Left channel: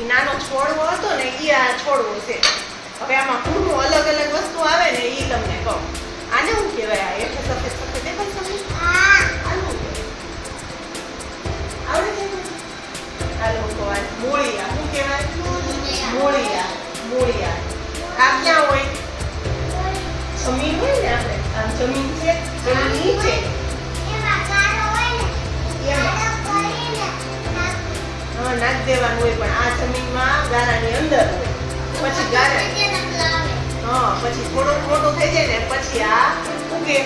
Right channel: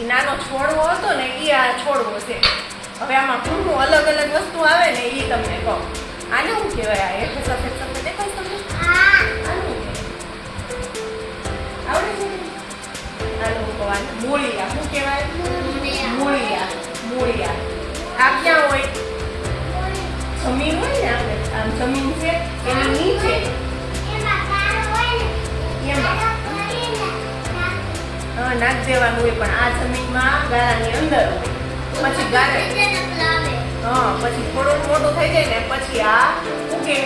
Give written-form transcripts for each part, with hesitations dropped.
એ નાનો છોડવો હતો ને એ આ છોડવો છે. હવે આમાં પૂરું અલગ અલગ વસ્તુ આવે ને એ તમને કહું. આને શું કહેવાય? આ હેઠે સફેદ સફેદ દેખાય તમને? આનું કહેવાય. આવડે છે? હાલો કહું મૂળિયા. શું કહેવાય? મૂળિયા. મૂળિયા. આ ક્યાં હોય? જમીન હોય ને આપણે આમ જમીન છે એની નીચે હા નાખ દેવાનું હોય પણ આ જમીનમાં ગારાની અંદર હોય પછી ગારા હા પછી થોડું મોટું થઈ જાય ને પછી આ ઉગે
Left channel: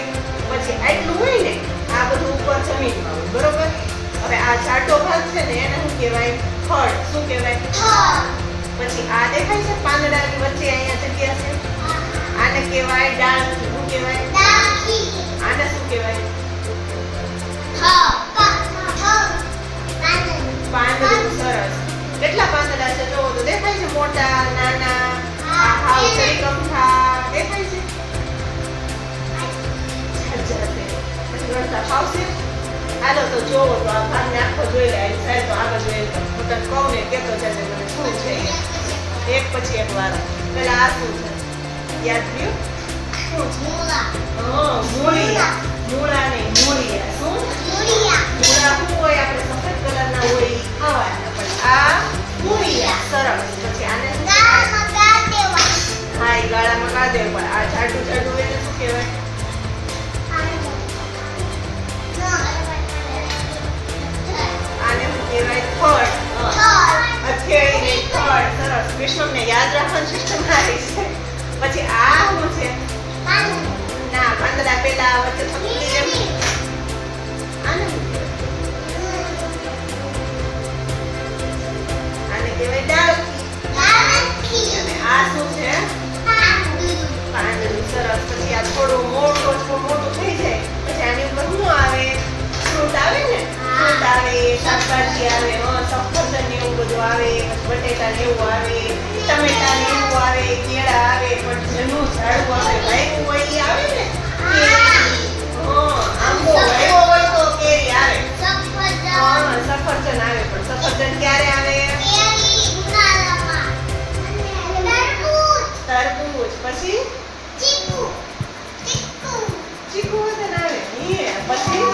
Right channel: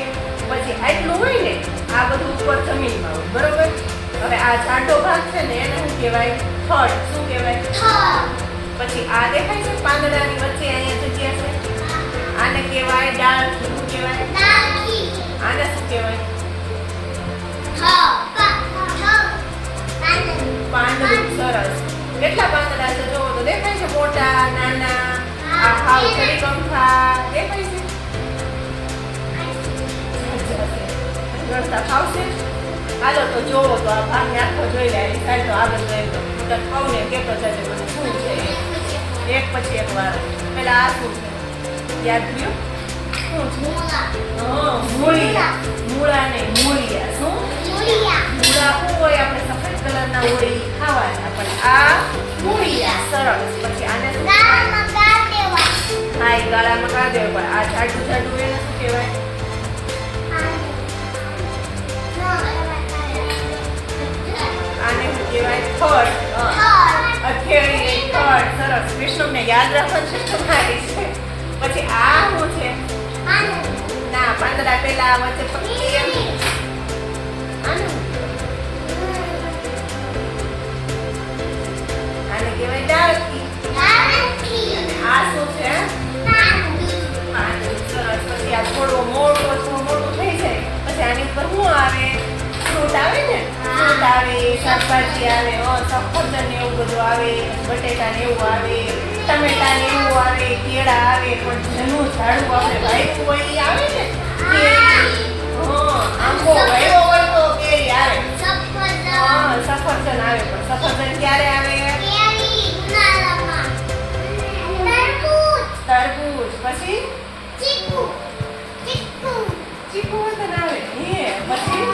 પછી આટલું હોય ને આ બધું ઉપર જમીનમાં હોય બરોબર. હવે આ જાડો ભાગ છે ને એને શું કહેવાય? થડ. શું કહેવાય? પછી આ દેખાય છે પાંદડાની વચ્ચે અહીંયા જગ્યા છે આને કહેવાય ડાળખી. શું કહેવાય? આને શું કહેવાય? પાંદડું. સરસ. કેટલા પાંદડા છે જોવો તો દેખાય છે? મોટા નાના આ હાવ ચડી કંઠા દેખાય છે? ગણતા ફાવશે? હાલો તો જોવો તો આ ભાગને આખો જોઈ લે. સાહેબ તો આગળ લઈ તો હું તને કહું ને કેતો જજે મને શું છે એક પછી એક વારો. પેલા આ શું છે યાદ રહ્યું? શું છે? મૂળિયા. મૂળા ને મૂળિયા. શું? મૂળા શું હોય? આપણે સફેદ કલરના હોય ઈ ખાવાના પણ આ મૂળિયા. સરસ. પછી આને શું કહેવાય? હા એ ગાળામાં ગાળ દેવું પણ આ જાડું જાડું એને શું કહેવાય? આને શું કહેવાય? થડ. હથેળી થડ. સરસ. વિષ્ણુને યાદ રાખવાની સિસ્ટમ આવી છે. પછી આ શું છે? ના પાંદડા પેલા વચ્ચે પકડી એમ આને શું કહેવાય? આને કહેવાય ડાળખી. અને આ શું છે? પાંદડું. સરસ. પછી આ થોડું મોટું થઈ જાય પછી આની ઉપર શું આવે? ફ્રૂટ આવે ને? ફ્રૂટ આવે, શાકભાજી આવે, સફરજન ને એવું બધું આવે, બટેટા ને એવું આવે, ટમેટા ને એવું આવે, કેળા આવે પણ જેનું ઝાડું આપણે વાવ્યું હોય એ આવે ને કેરી. આંબો વાવ્યો હોય તો કેરી આવે. સફરજન આવે પણ સફરજન ક્યારે આવે? તરબૂચ. પછી ચીકુ વતન આવે. પછી